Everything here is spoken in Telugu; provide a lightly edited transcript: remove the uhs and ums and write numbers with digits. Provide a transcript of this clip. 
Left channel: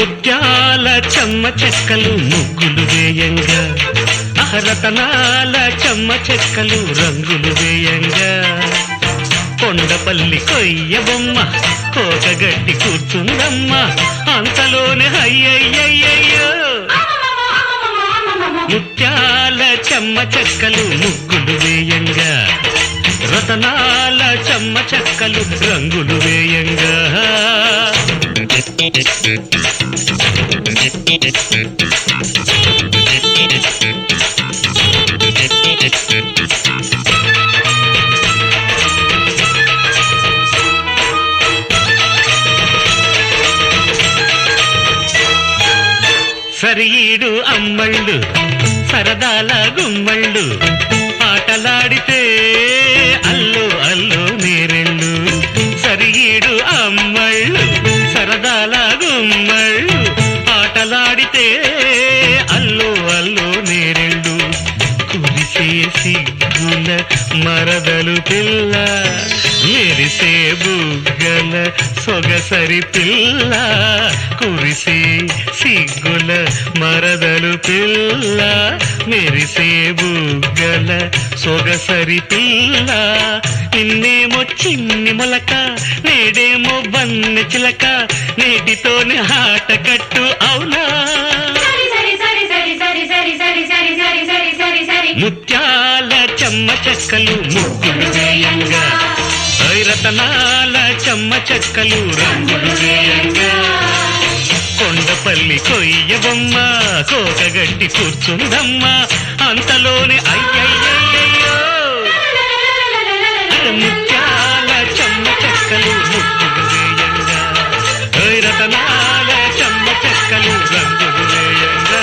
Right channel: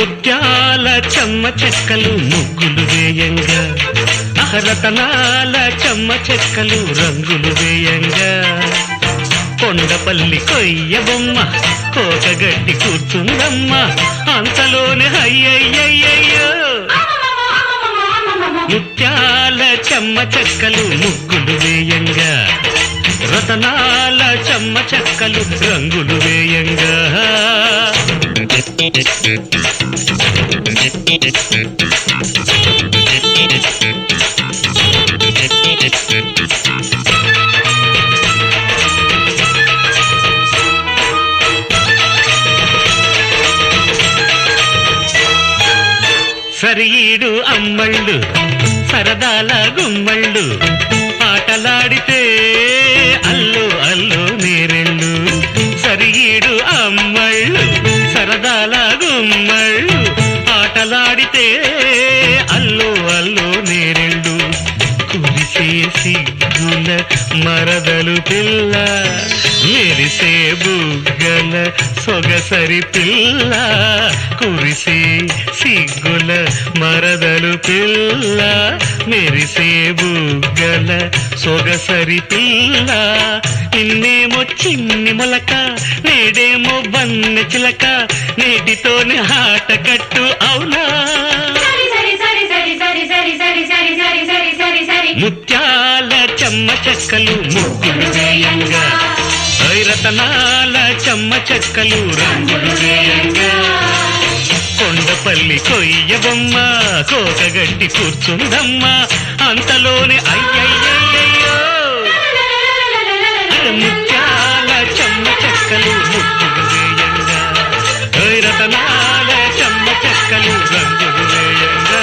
ముత్యాల చెమ్మ చెక్కలు ముగ్గులు వేయంగా రతనాల చెమ్మ చెక్కలు రంగులు వేయంగా కొండపల్లి కొయ్య బొమ్మ కోటగట్టి కూర్చుందమ్మ అంతలోనే అయ్యయ్యయ్యో ముత్యాల చెమ్మ చెక్కలు ముగ్గులు వేయంగా రతనాల చెమ్మ చెక్కలు రంగులు వేయంగా సరిఈడు అమ్మళ్ళు సరదాల గుమ్మళ్ళు ఆటలాడితే అల్లు అల్లు నేరెళ్ళు సరిఈడు అమ్మళ్ళు సరదాల గుమ్మళ్ళు ఆటలాడితే అల్లు అల్లు నేరెళ్ళు కురిసే సిగ్గుల మరదలు పిల్ల మెరిసే బుగ్గల సొగసరి పిల్ల కురిసే సిగ్గుల మరదలు పిల్ల మెరిసే బుగ్గల సొగసరి పిల్ల ఇన్నేమో చిన్ని మొలక నేడేమో బన్నె చిలక నేటితోనే ఆట కట్టు అవునా ముత్యాల చెమ్మ చెక్కలు ముగ్గులు వేయంగా రతనాల చెమ్మ చెక్కలు రంగులు వేయంగా కొండపల్లి కొయ్య బొమ్మ కోటగట్టి కూర్చుందమ్మ అంతలోని అయ్యయ్యయ్యో ముత్యాల చెమ్మ చెక్కలు ముగ్గులు వేయంగా రతనాల చెమ్మ చెక్కలు రంగులు వేయంగా